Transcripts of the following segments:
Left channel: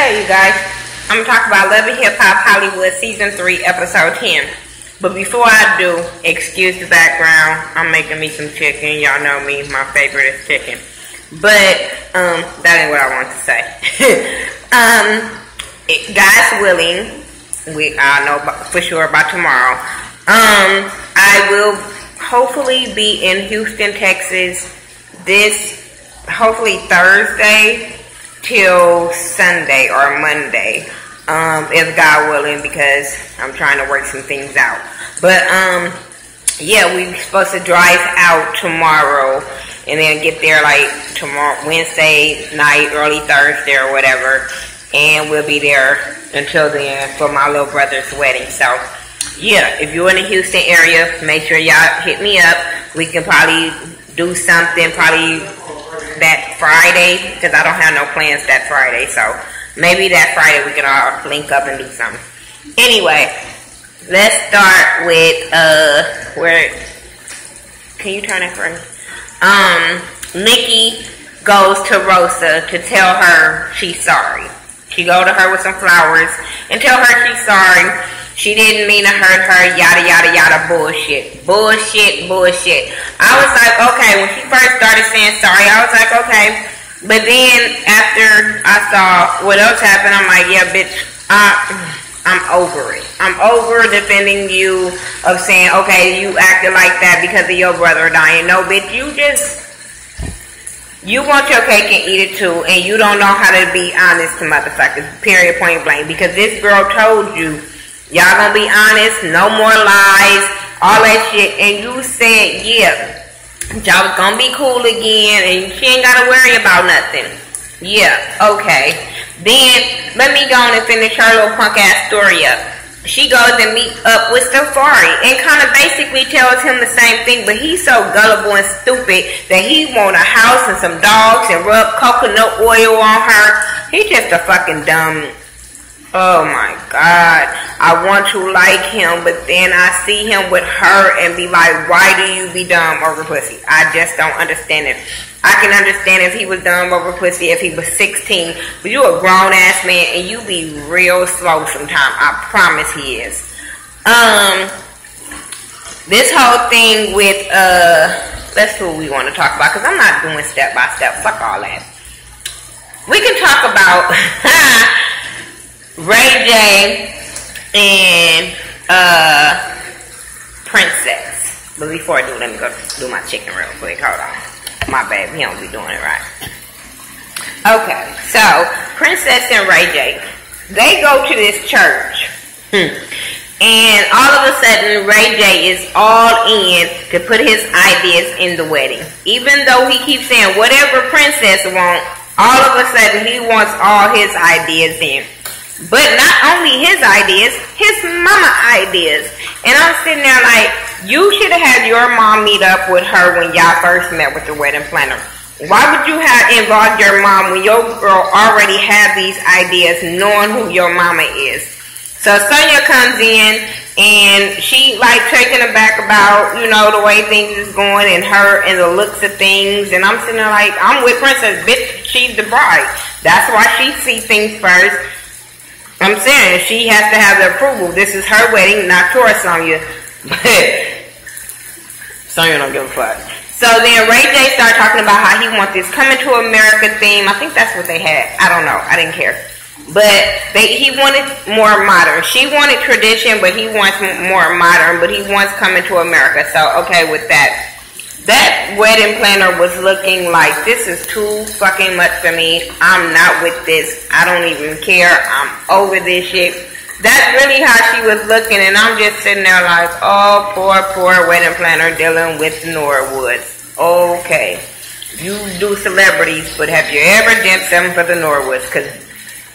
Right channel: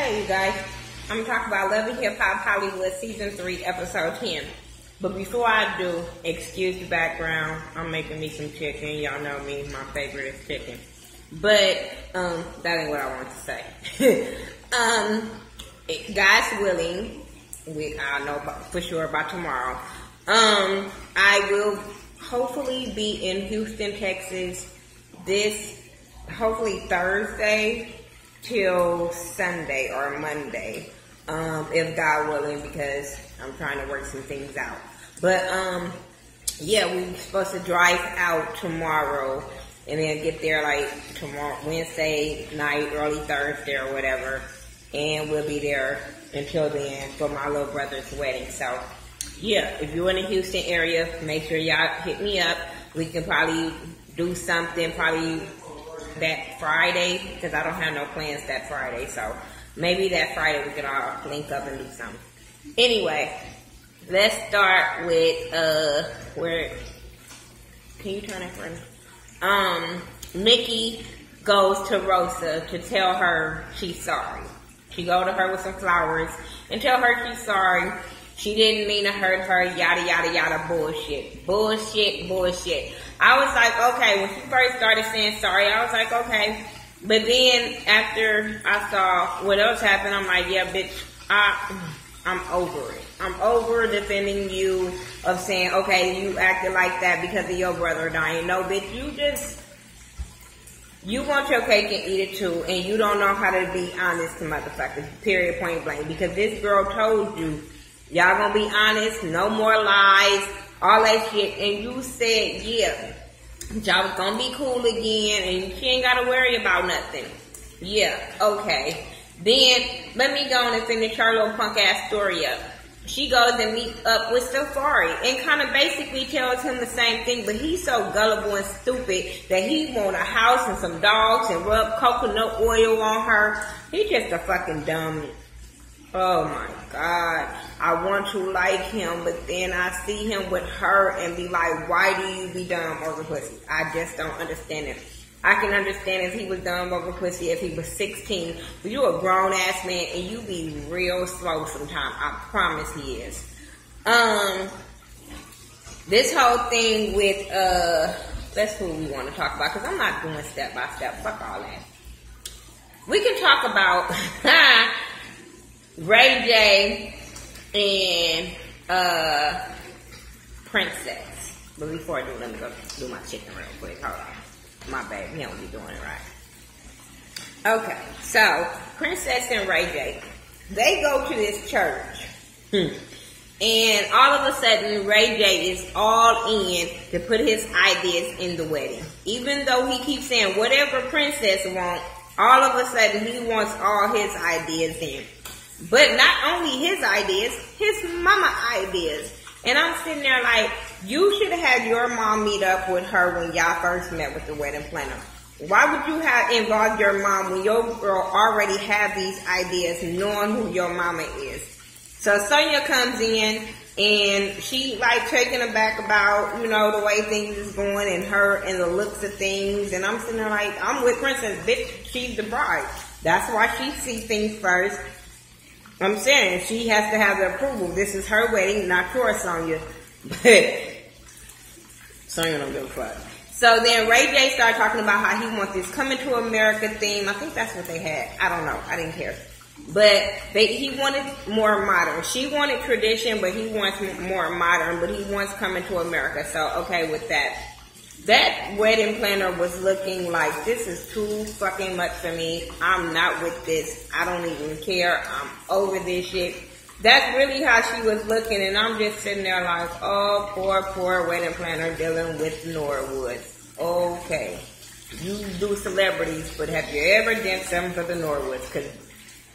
Hey you guys, I'm going to talk about Love and Hip Hop Hollywood Season 3, Episode 10. But before I do, excuse the background, I'm making me some chicken. Y'all know me, my favorite is chicken. But, that ain't what I want to say. God's willing, I'll know for sure about tomorrow. I will hopefully be in Houston, Texas hopefully Thursday till Sunday or Monday, if God willing, because I'm trying to work some things out. But yeah, we're supposed to drive out tomorrow and then get there like tomorrow, Wednesday night, early Thursday or whatever, and we'll be there until then for my little brother's wedding. So yeah, if you're in the Houston area, make sure y'all hit me up. We can probably do something probably that Friday, because I don't have no plans that Friday, so maybe that Friday we can all link up and do something. Anyway, let's start with where can you turn it for me? Nikki goes to Rosa to tell her she's sorry. She go to her with some flowers and tell her she's sorry. She didn't mean to hurt her, yada, yada, yada, bullshit. Bullshit, bullshit. I was like, okay, when she first started saying sorry, I was like, okay. But then, after I saw what else happened, I'm like, yeah, bitch, I'm over it. I'm over defending you of saying, okay, you acted like that because of your brother dying. No, bitch, you want your cake and eat it too, and you don't know how to be honest to motherfuckers, period, point blank. Because this girl told you, y'all gonna be honest, no more lies, all that shit. And you said, yeah, y'all was gonna be cool again, and she ain't gotta worry about nothing. Yeah, okay. Then, let me go on and finish her little punk ass story up. She goes and meet up with Safari and kind of basically tells him the same thing, but he's so gullible and stupid that he want a house and some dogs and rub coconut oil on her. He's just a fucking dumb. Oh my God, I want to like him, but then I see him with her and be like, why do you be dumb over pussy? I just don't understand it. I can understand if he was dumb over pussy if he was 16, but you a grown ass man and you be real slow sometimes. I promise he is. This whole thing with, that's what we want to talk about, because I'm not doing step by step. Fuck all that. We can talk about Ray J and Princess. But before I do, let me go do my chicken real quick. Hold on. My baby, he don't be doing it right. Okay, so Princess and Ray J, they go to this church. And all of a sudden, Ray J is all in to put his ideas in the wedding. Even though he keeps saying whatever Princess wants, all of a sudden he wants all his ideas in. But not only his ideas, his mama ideas. And I'm sitting there like, you should have had your mom meet up with her when y'all first met with the wedding planner. Why would you have involved your mom when your girl already had these ideas knowing who your mama is? So Sonya comes in and she like taken aback about, you know, the way things is going and her and the looks of things. And I'm sitting there like, I'm with Princess, bitch, she's the bride. That's why she sees things first. I'm saying she has to have the approval. This is her wedding, not yours, Sonya. But Sonya don't give a fuck. So then Ray J started talking about how he wants this Coming to America theme. I think that's what they had. I don't know. I didn't care. But he wanted more modern. She wanted tradition, but he wants more modern. But he wants Coming to America. So, okay, with that. That wedding planner was looking like, this is too fucking much for me. I'm not with this. I don't even care. I'm over this shit. That's really how she was looking, and I'm just sitting there like, oh, poor wedding planner dealing with Norwoods. Okay. You do celebrities, but have you ever done something for the Norwoods? Because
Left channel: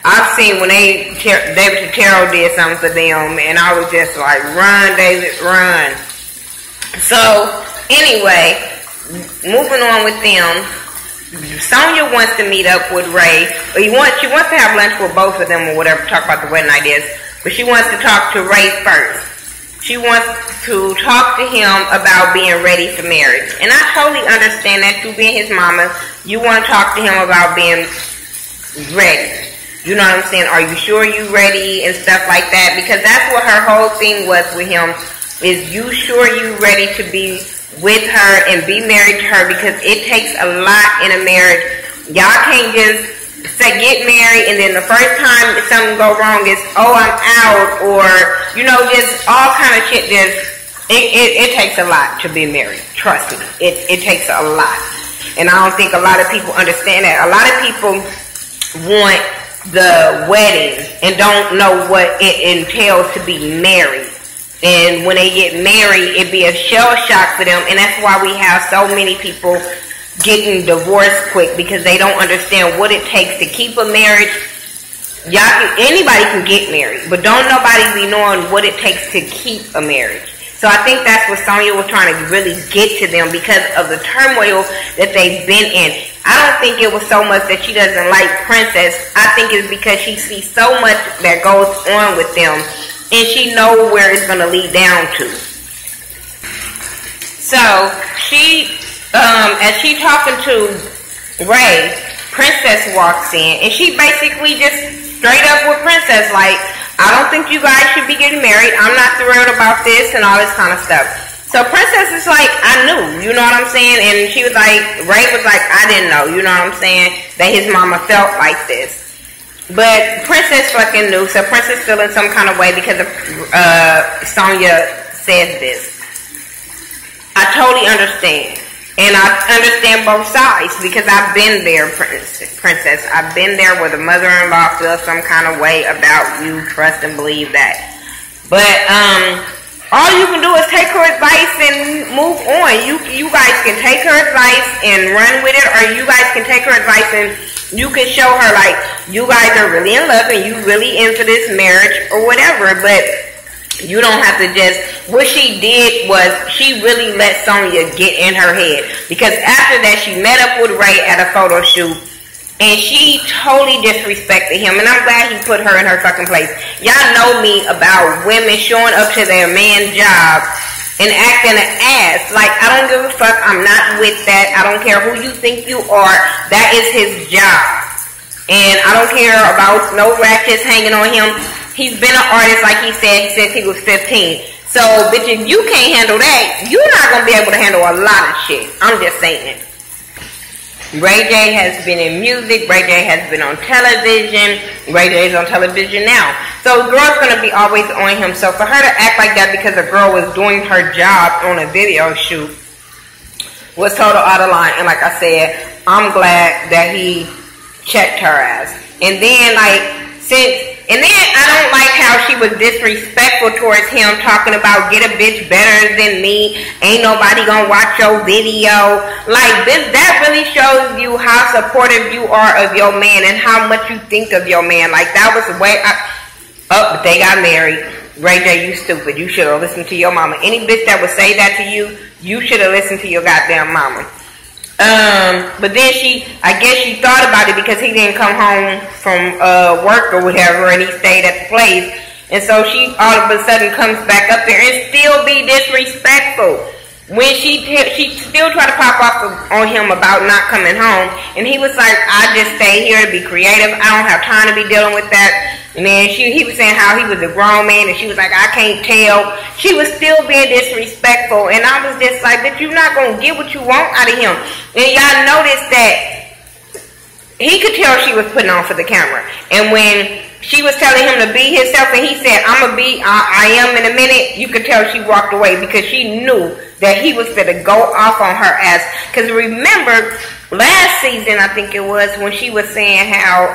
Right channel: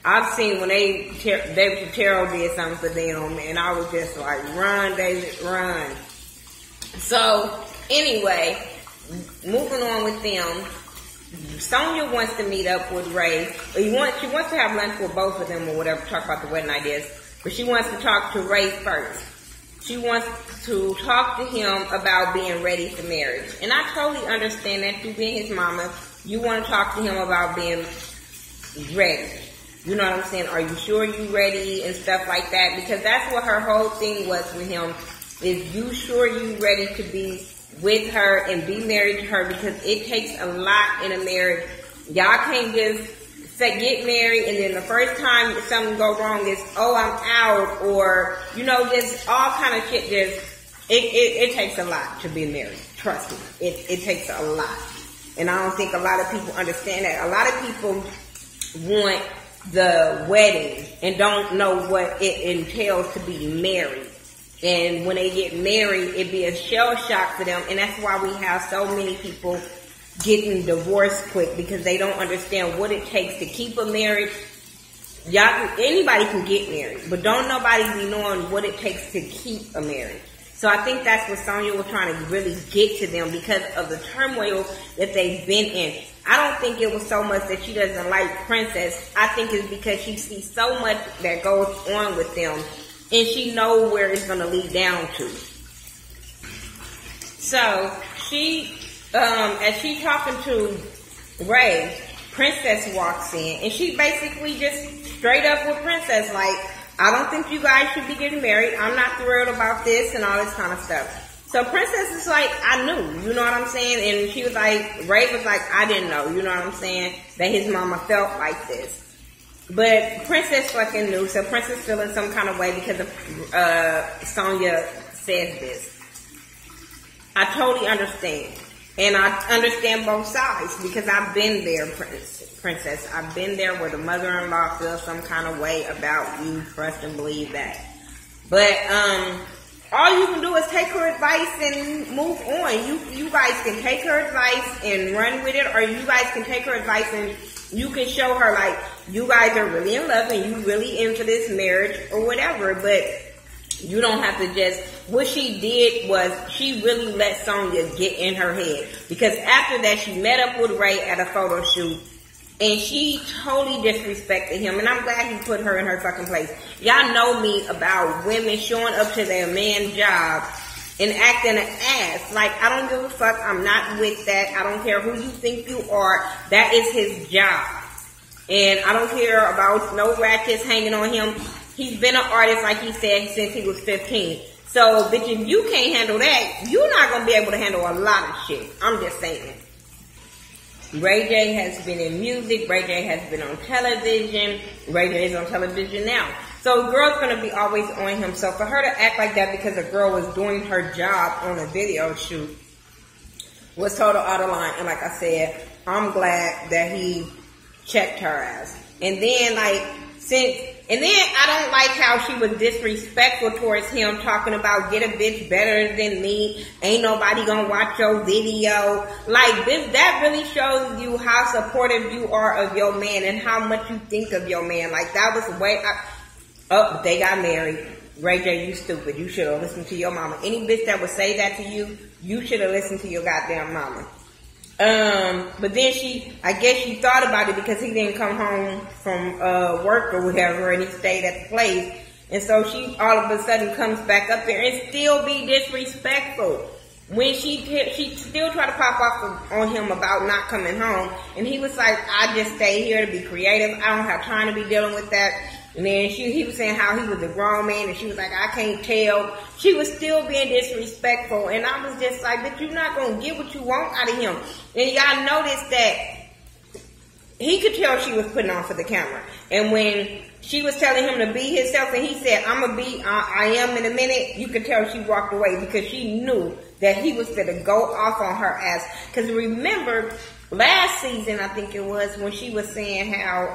I've seen when David Totaro did something for them, and I was just like, run, David, run. So, anyway, moving on with them, Sonya wants to meet up with Ray. She wants to have lunch with both of them or whatever, talk about the wedding ideas. But she wants to talk to Ray first. She wants to talk to him about being ready for marriage. And I totally understand that, too, being his mama. You want to talk to him about being ready. You know what I'm saying? Are you sure you ready and stuff like that? Because that's what her whole thing was with him. Is you sure you ready to be with her and be married to her? Because it takes a lot in a marriage. Y'all can't just say get married and then the first time something go wrong is, oh, I'm out, or, you know, just all kind of shit. It takes a lot to be married. Trust me. It takes a lot. And I don't think a lot of people understand that. A lot of people want the wedding and don't know what it entails to be married. And when they get married, it be a shell shock for them. And that's why we have so many people getting divorced quick, because they don't understand what it takes to keep a marriage. Anybody can get married, but don't nobody be knowing what it takes to keep a marriage. So I think that's what Sonya was trying to really get to them, because of the turmoil that they've been in. I don't think it was so much that she doesn't like Princess. I think it's because she sees so much that goes on with them, and she knows where it's going to lead down to. So she, as she talking to Ray, Princess walks in, and she basically just straight up with Princess, like, I don't think you guys should be getting married. I'm not thrilled about this and all this kind of stuff. So Princess is like, I knew, you know what I'm saying? And she was like, Ray was like, I didn't know, you know what I'm saying, that his mama felt like this. But Princess fucking knew, so Princess feeling some kind of way because of Sonya said this. I totally understand. And I understand both sides, because I've been there, Princess. I've been there where the mother-in-law feels some kind of way about you. Trust and believe that. But all you can do is take her advice and move on. You guys can take her advice and run with it, or you guys can take her advice and you can show her, like, you guys are really in love and you really into this marriage or whatever. But you don't have to just, what she did was she really let Sonya get in her head. Because after that, she met up with Ray at a photo shoot, and she totally disrespected him. And I'm glad he put her in her fucking place. Y'all know me about women showing up to their man's job and acting an ass. Like, I don't give a fuck. I'm not with that. I don't care who you think you are. That is his job. And I don't care about no ratchets hanging on him. He's been an artist, like he said, since he was 15. So, bitch, if you can't handle that, you're not going to be able to handle a lot of shit. I'm just saying. Ray J has been in music. Ray J has been on television. Ray J is on television now. So, the girl's going to be always on him. So, for her to act like that because a girl was doing her job on a video shoot was total out of line. And like I said, I'm glad that he checked her ass. And then, like, and then I don't like how she was disrespectful towards him, talking about get a bitch better than me, ain't nobody gonna watch your video. Like, that really shows you how supportive you are of your man and how much you think of your man. Like, that was the way but they got married. Ray J, you stupid. You should have listened to your mama. Any bitch that would say that to you, you should have listened to your goddamn mama. But then I guess she thought about it because he didn't come home from work or whatever, and he stayed at the place. And so she all of a sudden comes back up there and still be disrespectful. When she still tried to pop off on him about not coming home. And he was like, I just stay here to be creative. I don't have time to be dealing with that. And then he was saying how he was a grown man, and she was like, I can't tell. She was still being disrespectful, and I was just like, but you're not going to get what you want out of him. And y'all noticed that he could tell she was putting on for the camera. And when she was telling him to be himself, and he said, I am in a minute, you could tell she walked away because she knew that he was going to go off on her ass. Because remember, last season, I think it was, when she was saying how,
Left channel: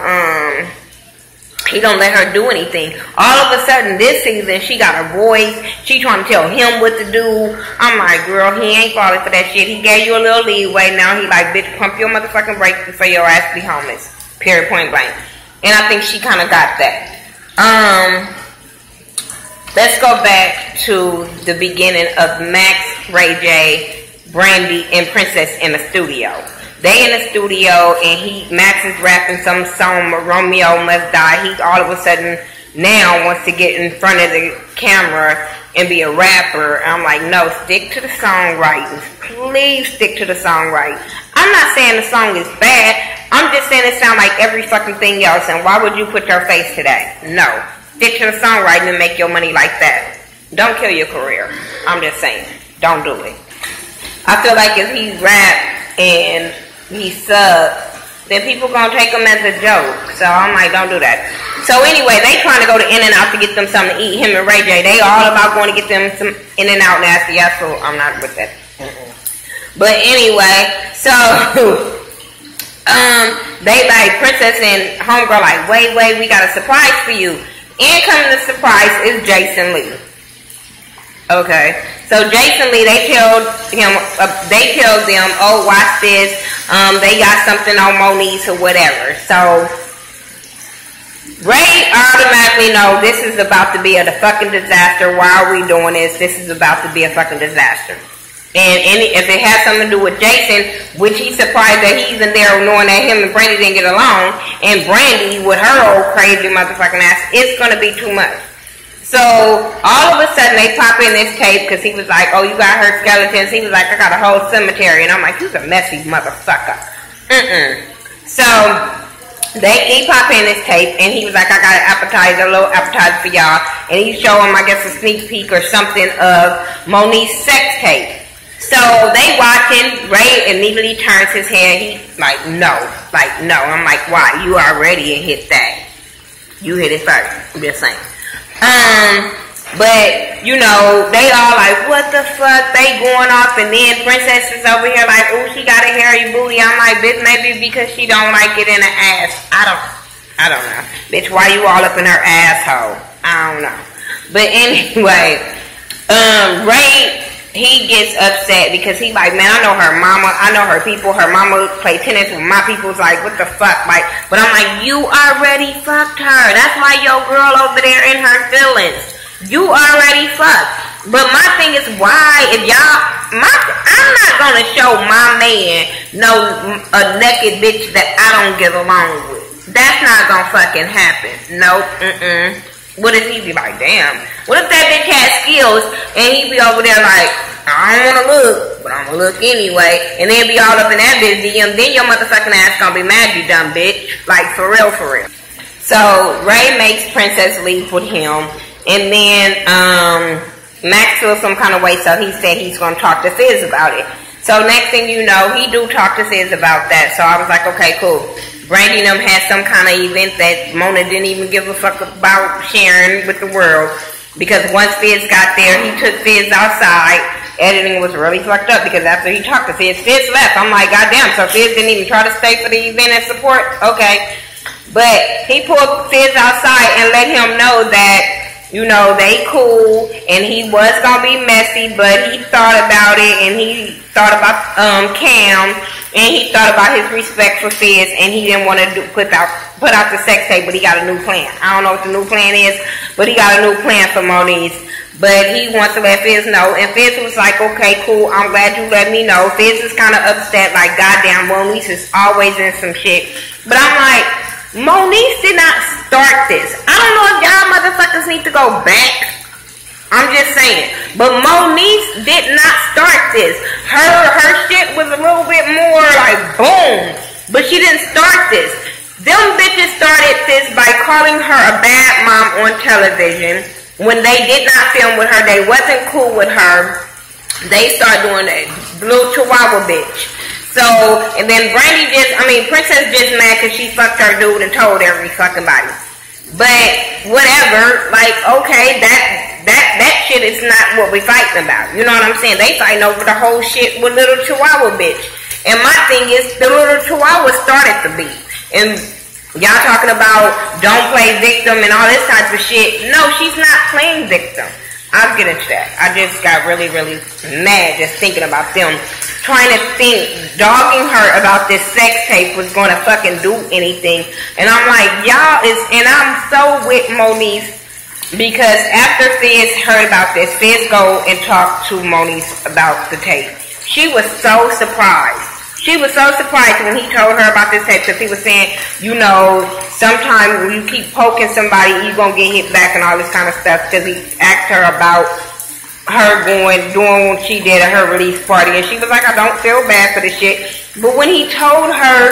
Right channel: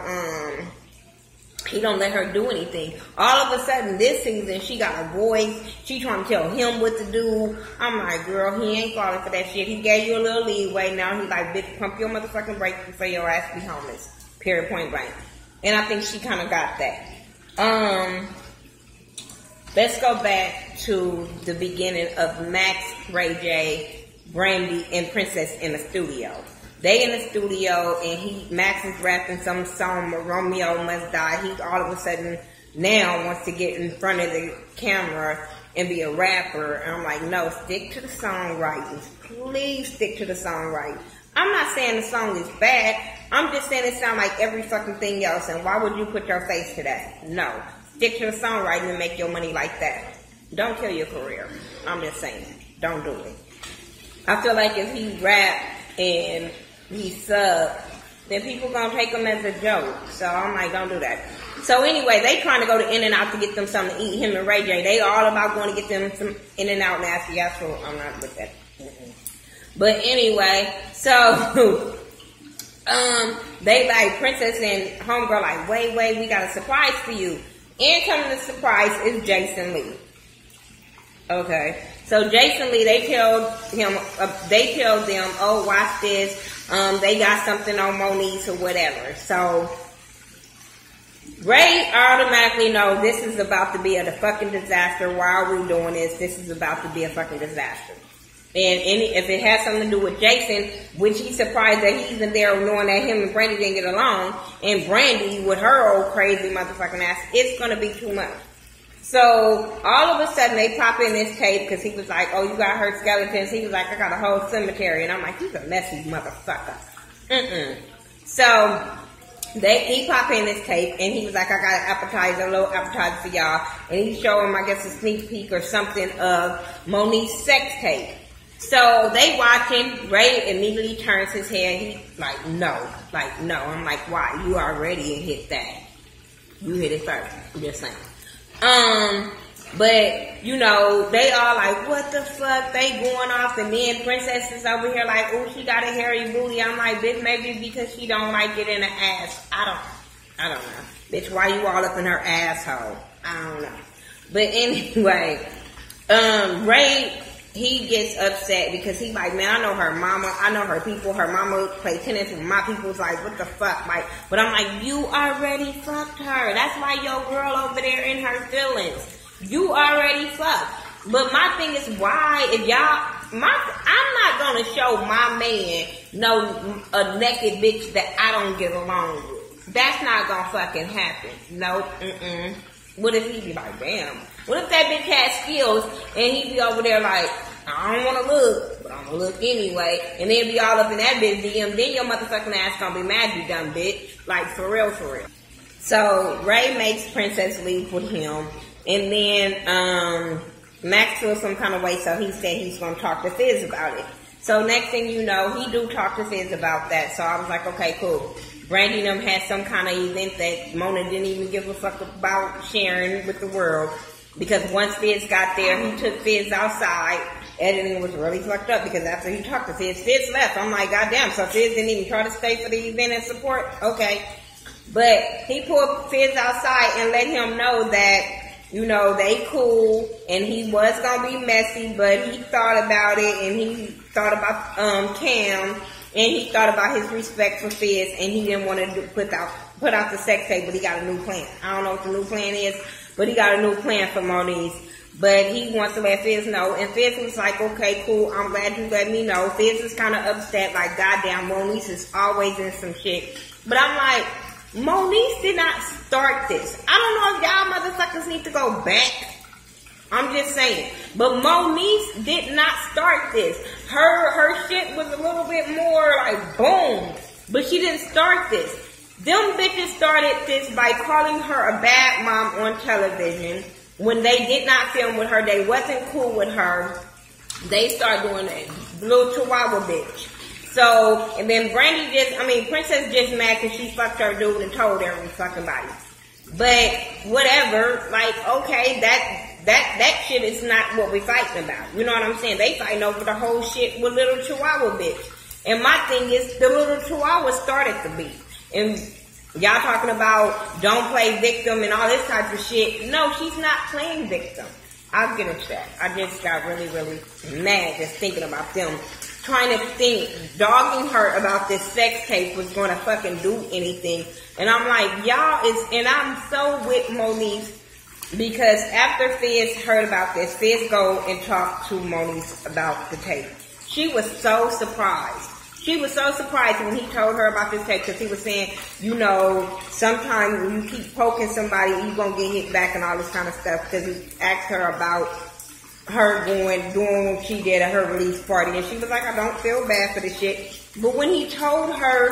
he don't let her do anything. All of a sudden, this season, she got a voice. She trying to tell him what to do. I'm like, girl, he ain't falling for that shit. He gave you a little leeway. Now he like, bitch, pump your motherfucking brakes before your ass be homeless. Period, point blank. And I think she kind of got that. Let's go back to the beginning of Max, Ray J, Brandy, and Princess in the studio. They in the studio, and Max is rapping some song, Romeo Must Die. He all of a sudden now wants to get in front of the camera and be a rapper. I'm like, no, stick to the songwriting. Please stick to the songwriting. I'm not saying the song is bad. I'm just saying it sound like every fucking thing else, and why would you put your face to that? No. Stick to the songwriting and make your money like that. Don't kill your career. I'm just saying. Don't do it. I feel like if he rap and he sub, then people gonna take him as a joke. So I'm like, don't do that. So anyway, they trying to go to In-N-Out to get them something to eat. Him and Ray J, they all about going to get them some In-N-Out nasty ass food. I'm not with that. But anyway, so they like Princess and Homegirl like, wait, we got a surprise for you. And coming to surprise is Jason Lee. Okay, so Jason Lee, they tell them, oh, watch this. They got something on Moniece or whatever. So Ray automatically know this is about to be a fucking disaster. Why are we doing this? This is about to be a fucking disaster. And if it has something to do with Jason, which he's surprised that he's in there knowing that him and Brandy didn't get along, and Brandy with her old crazy motherfucking ass, it's going to be too much. So all of a sudden they pop in this tape because he was like, oh, you got her skeletons. He was like, I got a whole cemetery. And I'm like, you's a messy motherfucker. So he popped in this tape, and he was like, I got an appetizer, a little appetizer for y'all. And he showed him, I guess, a sneak peek or something of Moniece's sex tape. So they watching. Ray immediately turns his head. He's like, no. I'm like, why? You already hit that. You hit it first. I'm just saying. But, you know, they all like, what the fuck? They going off, and then Princess is over here like, ooh, she got a hairy booty. I'm like, bitch, maybe because she don't like it in the ass. I don't know. Bitch, why you all up in her asshole? I don't know. But anyway, Ray, he gets upset because he like, man, I know her mama, I know her people. Her mama play tennis with my people's like, what the fuck? Like, but I'm like, you already fucked her. That's why your girl over there in her feelings. You already fucked. But my thing is, why, if y'all, I'm not gonna show my man a naked bitch that I don't get along with. That's not gonna fucking happen. Nope. What if he be like, damn? What if that bitch has skills and he be over there like, I don't wanna look, but I'm gonna look anyway, and then be all up in that bitch DM, then your motherfucking ass gonna be mad, you dumb bitch. Like, for real. So Ray makes Princess leave with him. And then Max feels some kind of way, so he said he's going to talk to Fizz about it. So next thing you know, he do talk to Fizz about that. So I was like, okay, cool. Brandy and them had some kind of event that Mona didn't even give a fuck about sharing with the world. Because once Fizz got there, he took Fizz outside. Editing was really fucked up because after he talked to Fizz, Fizz left. I'm like, goddamn, so Fizz didn't even try to stay for the event and support? Okay. But he pulled Fizz outside and let him know that, you know, they cool, and he was gonna be messy, but he thought about it, and he thought about Cam, and he thought about his respect for Fizz, and he didn't want to put out the sex tape, but he got a new plan. I don't know what the new plan is, but he got a new plan for Moniece. But he wants to let Fizz know, and Fizz was like, okay, cool, I'm glad you let me know. Fizz is kind of upset, like, goddamn, Moniece is always in some shit. But I'm like, Moniece did not start this. I don't know if y'all motherfuckers need to go back. I'm just saying. But Moniece did not start this. Her shit was a little bit more like boom. But she didn't start this. Them bitches started this by calling her a bad mom on television. When they did not film with her, they wasn't cool with her. They started doing that little chihuahua bitch. So, and then Princess just mad because she fucked her dude and told every fucking body. But, whatever, like, okay, that shit is not what we fighting about. You know what I'm saying? They fighting over the whole shit with little chihuahua bitch. And my thing is, the little chihuahua started the beef. And y'all talking about don't play victim and all this type of shit. No, she's not playing victim. I'll get into that. I just got really, really mad just thinking about them trying to think, dogging her about this sex tape was going to fucking do anything. And I'm like, y'all is, and I'm so with Moniece because after Fizz heard about this, Fizz go and talk to Moniece about the tape. She was so surprised. She was so surprised when he told her about this tape because he was saying, you know, sometimes when you keep poking somebody, you're going to get hit back and all this kind of stuff because he asked her about her doing what she did at her release party, and she was like, I don't feel bad for this shit. But when he told her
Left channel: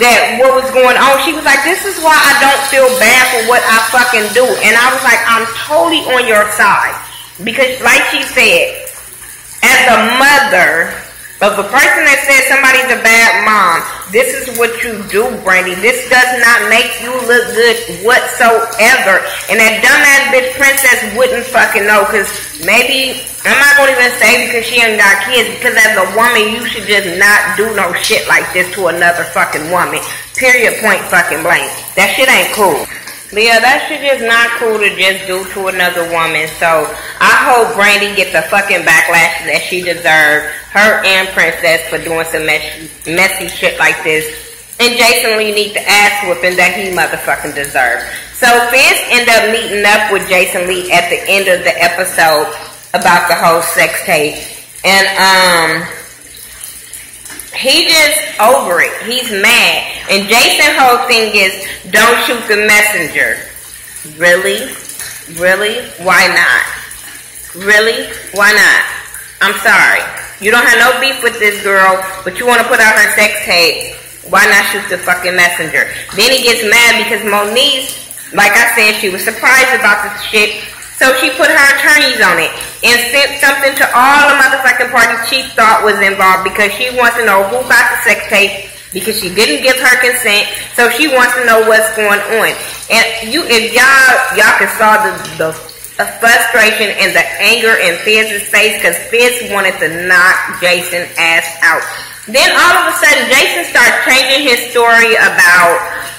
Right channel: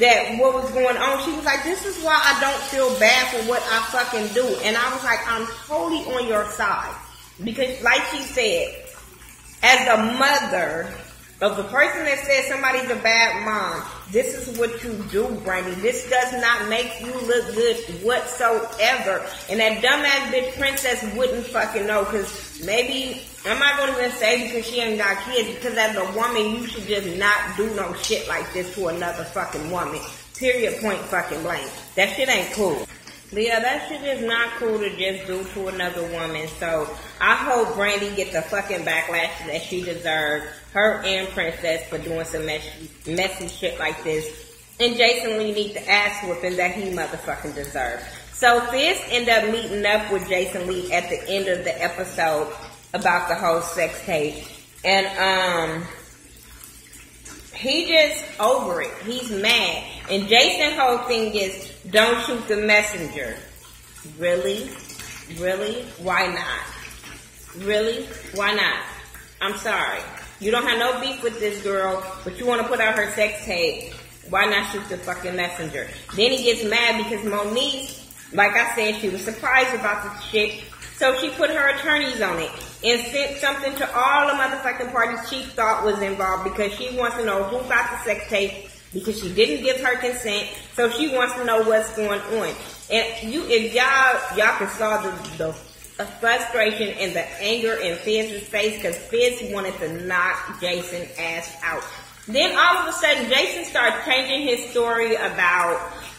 that what was going on, she was like, this is why I don't feel bad for what I fucking do. And I was like, I'm totally on your side. Because like she said, as a mother of a person that says somebody's a bad mom, this is what you do, Brandy. This does not make you look good whatsoever. And that dumbass bitch Princess wouldn't fucking know. Because maybe, I'm not going to even say because she ain't got kids. Because as a woman, you should just not do no shit like this to another fucking woman. Period, point, fucking blank. That shit ain't cool. But yeah, that shit is not cool to just do to another woman. So I hope Brandy gets the fucking backlash that she deserved. Her and Princess for doing some messy shit like this. And Jason Lee needs the ass whooping that he motherfucking deserved. So Fizz ended up meeting up with Jason Lee at the end of the episode about the whole sex tape. And he just over it. He's mad. And Jason's whole thing is, don't shoot the messenger. Really? Really? Why not? Really? Why not? I'm sorry. You don't have no beef with this girl, but you want to put out her sex tape. Why not shoot the fucking messenger? Then he gets mad because Moniece, like I said, she was surprised about this shit. So she put her attorneys on it and sent something to all the motherfucking parties she thought was involved because she wants to know who got the sex tape because she didn't give her consent. So she wants to know what's going on. And if y'all can saw the frustration and the anger in Fizz's face because Fizz wanted to knock Jason's ass out. Then all of a sudden Jason starts changing his story about,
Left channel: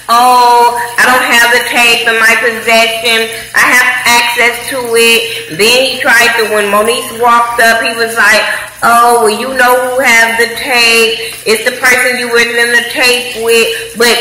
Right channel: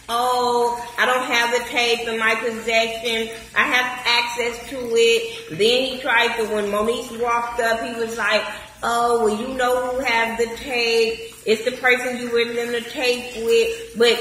oh, I don't have the tape in my possession. I have access to it. Then he tried to, when Moniece walked up, he was like, oh, well, you know who have the tape. It's the person you were in the tape with. But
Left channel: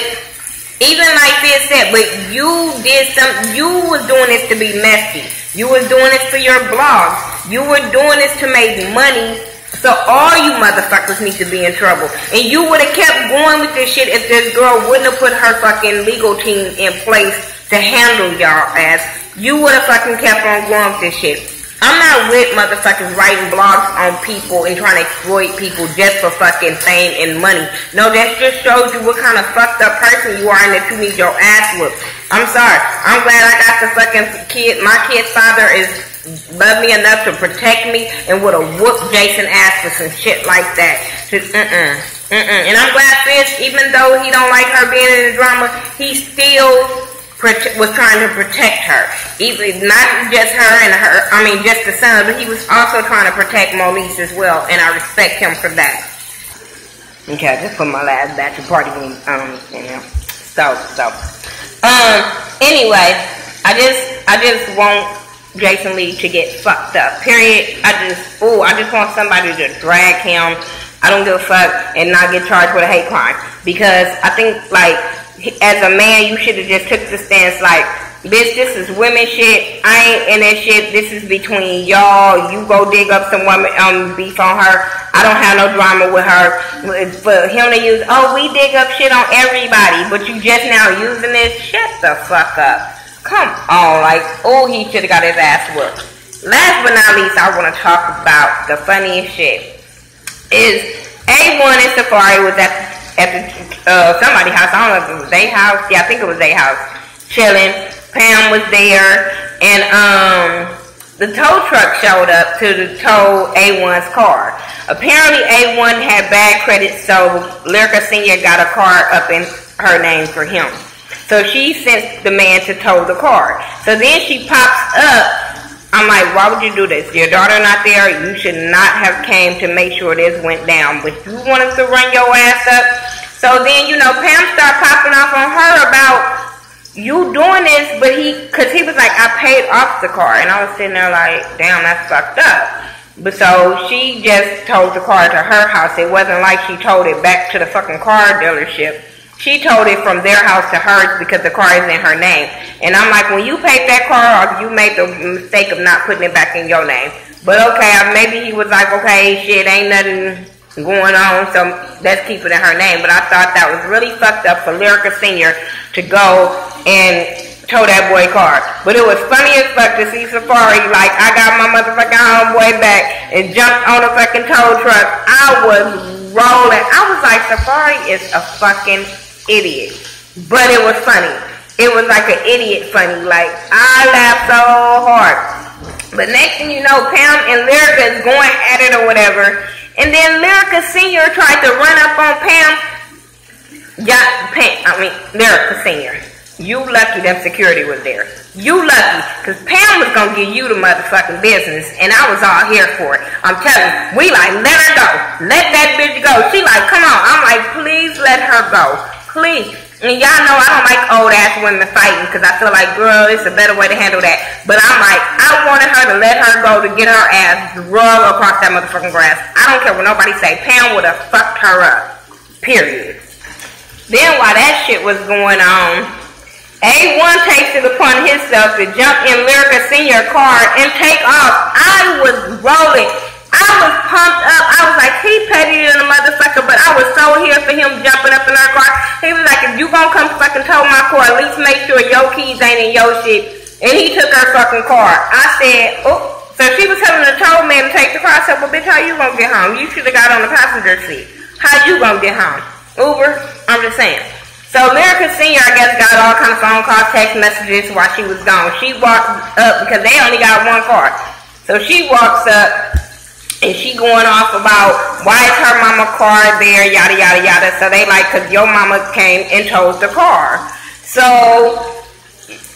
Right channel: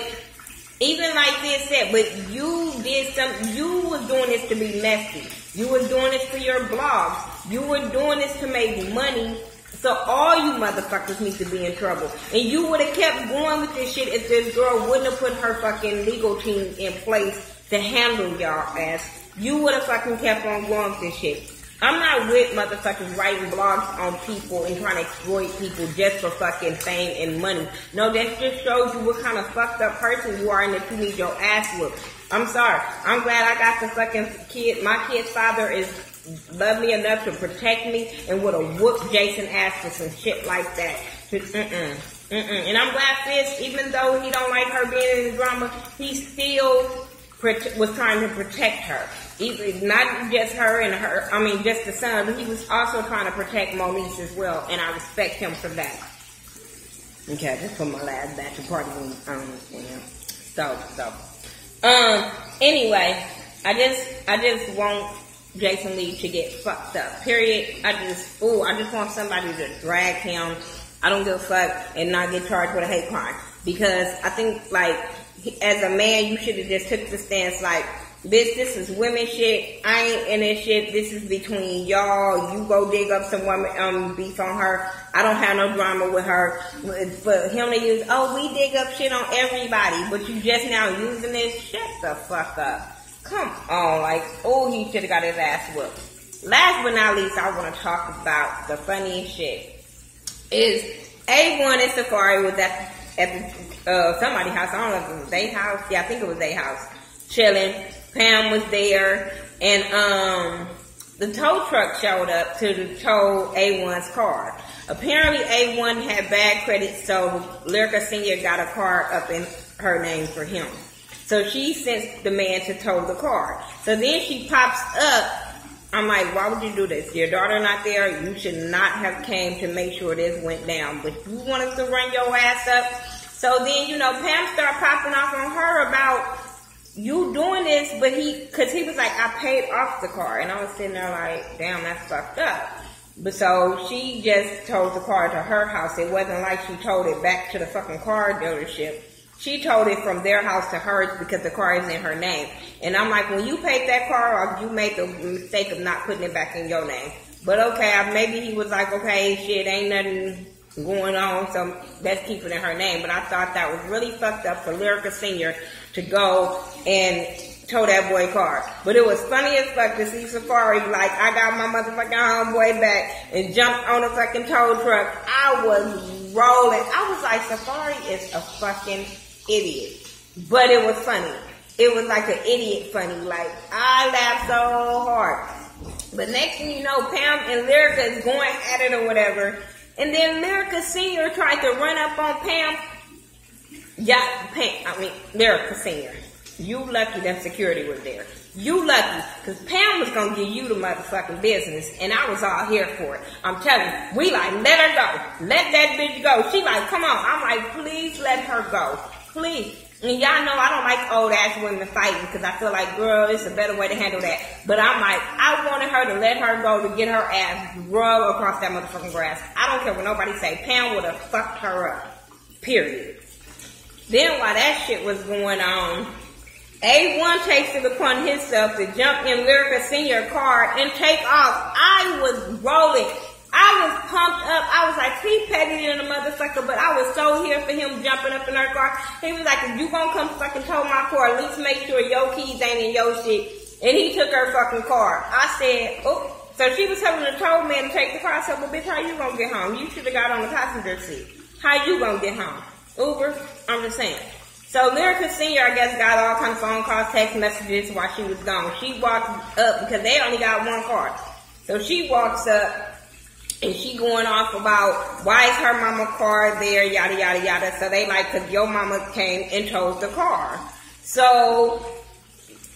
even like Fizz said, but you did something, you was doing this to be messy. You was doing this for your blogs. You were doing this to make money. So all you motherfuckers need to be in trouble. And you would have kept going with this shit if this girl wouldn't have put her fucking legal team in place to handle y'all ass. You would have fucking kept on going with this shit. I'm not with motherfuckers writing blogs on people and trying to exploit people just for fucking fame and money. No, that just shows you what kind of fucked up person you are and that you need your ass whooped. I'm sorry. I'm glad I got the fucking kid. My kid's father is love me enough to protect me and would have whooped Jason ass for some shit like that. Just And I'm glad Fizz, even though he don't like her being in the drama, he still was trying to protect her. Even not just her and just the son, but he was also trying to protect Moniece as well, and I respect him for that. Okay, I just put my last batch of party games, anyway, I just want Jason Lee to get fucked up. Period. I just want somebody to drag him. I don't give a fuck and not get charged with a hate crime. Because I think, like, as a man, you should have just took the stance like, bitch, this is women shit. I ain't in that shit. This is between y'all. You go dig up some woman beef on her. I don't have no drama with her. For him to use, oh, we dig up shit on everybody, but you just now using this? Shut the fuck up. Come on, like, oh, he should have got his ass whooped. Last but not least, I want to talk about the funniest shit. Is A1 and Safari was at somebody's house. I don't know if it was their house. Yeah, I think it was their house. Chilling. Pam was there. And the tow truck showed up to tow A1's car. Apparently, A1 had bad credit, so Lyrica Sr. got a car up in her name for him. So she sent the man to tow the car. So then she pops up. I'm like, why would you do this? Your daughter not there. You should not have came to make sure this went down. But you wanted to run your ass up. So then, Pam started popping off on her about you doing this. But because he was like, I paid off the car. And I was sitting there like, damn, that's fucked up. But so she just towed the car to her house. It wasn't like she towed it back to the fucking car dealership. She told it from their house to hers because the car is in her name. And I'm like, when you paid that car off, you made the mistake of not putting it back in your name. But okay, maybe he was like, okay, shit, ain't nothing going on, so let's keep it in her name. But I thought that was really fucked up for Lyrica Sr. to go and tow that boy car. But it was funny as fuck to see Safari, like, I got my motherfucking homeboy back and jumped on the fucking tow truck. I was rolling. I was like, Safari is a fucking idiot. But it was funny. It was like an idiot funny. Like, I laughed so hard. But next thing you know, Pam and Lyrica is going at it or whatever. And then Lyrica Sr. tried to run up on Pam. Lyrica Sr. You lucky them security was there. You lucky, because Pam was going to give you the motherfucking business, and I was all here for it. I'm telling you, we like, let her go. Let that bitch go. She like, come on. I'm like, please let her go. Please. And y'all know I don't like old-ass women fighting, because I feel like, girl, it's a better way to handle that. But I'm like, I wanted her to let her go to get her ass drug across that motherfucking grass. I don't care what nobody say. Pam would have fucked her up. Period. Then while that shit was going on, A1 takes it upon himself to jump in Lyrica Sr. car and take off. I was rolling. I was pumped up. I was like, he petty than a motherfucker, but I was so here for him jumping up in our car. He was like, if you gonna come fucking tow my car, at least make sure your keys ain't in your shit. And he took her fucking car. I said, oh. So she was telling the tow man to take the car. I said, well, bitch, how you gonna get home? You should have got on the passenger seat. How you gonna get home? Uber? I'm just saying. So Lyrica Sr., I guess, got all kind of phone calls, text messages while she was gone. She walked up because they only got one car. So she walks up and she going off about why is her mama car there, yada, yada, yada. So they like, because your mama came and towed the car. So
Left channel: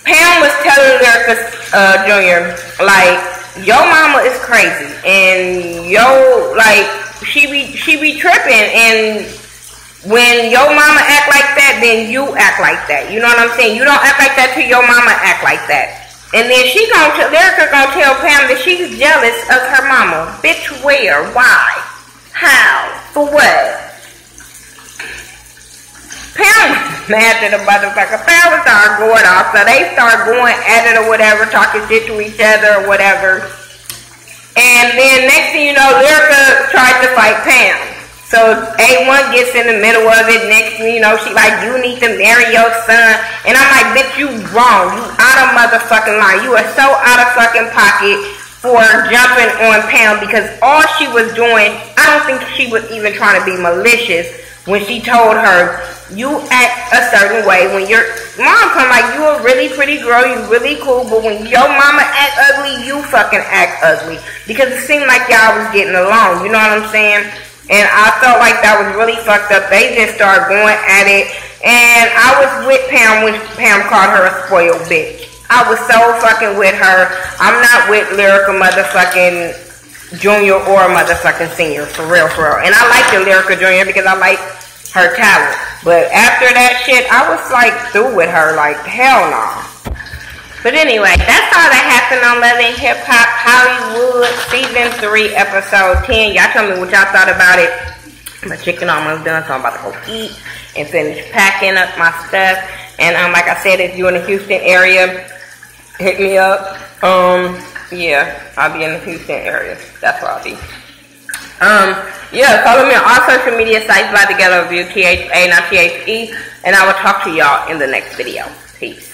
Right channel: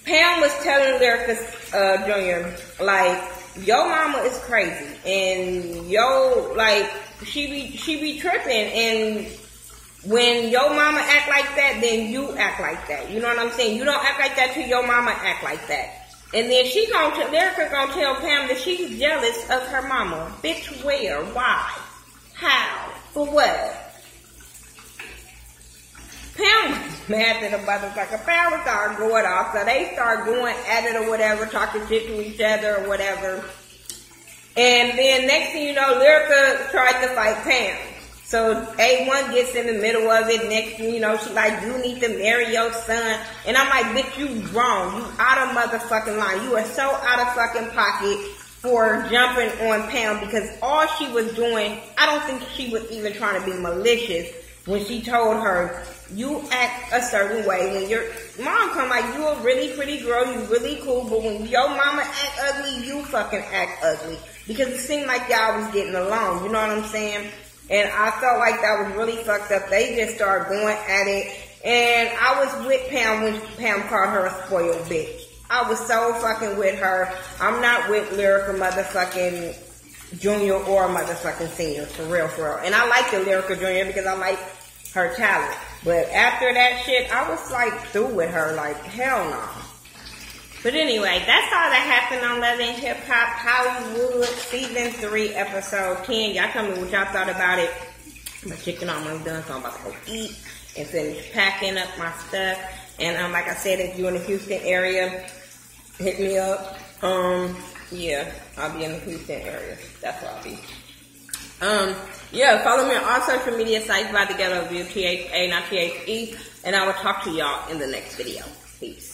Pam was telling Lyrica Jr., like, your mama is crazy. And she be tripping, and when your mama act like that, then you act like that. You know what I'm saying? You don't act like that till your mama act like that. And then Lyrica gonna tell Pam that she's jealous of her mama. Bitch, where? Why? How? For what? Pam was mad at the motherfucker. Pam was started going off, so they start going at it or whatever, talking shit to each other or whatever. And then next thing you know, Lyrica tried to fight Pam. So A1 gets in the middle of it. Next thing you know, she like, you need to marry your son. And I'm like, bitch, you wrong. You out of motherfucking line. You are so out of fucking pocket for jumping on Pam, because all she was doing, I don't think she was even trying to be malicious when she told her, you act a certain way. When your mom come like, you a really pretty girl, you really cool, but when your mama act ugly, you fucking act ugly. Because it seemed like y'all was getting along. You know what I'm saying? And I felt like that was really fucked up. They just started going at it. And I was with Pam when Pam called her a spoiled bitch. I was so fucking with her. I'm not with Lyrica motherfucking Junior or motherfucking Senior. For real, for real. And I like the Lyrica Junior because I like her talent. But after that shit, I was like through with her. Like, hell no. But anyway, that's all that happened on Love and Hip Hop Hollywood Season 3, Episode 10. Y'all tell me what y'all thought about it. My chicken almost done, so I'm about to go eat and finish packing up my stuff. And like I said, if you're in the Houston area, hit me up. Yeah, I'll be in the Houston area. That's where I'll be. Yeah, follow me on all social media sites, Thaghettoview, THA, not THE. And I will talk to y'all in the next video. Peace.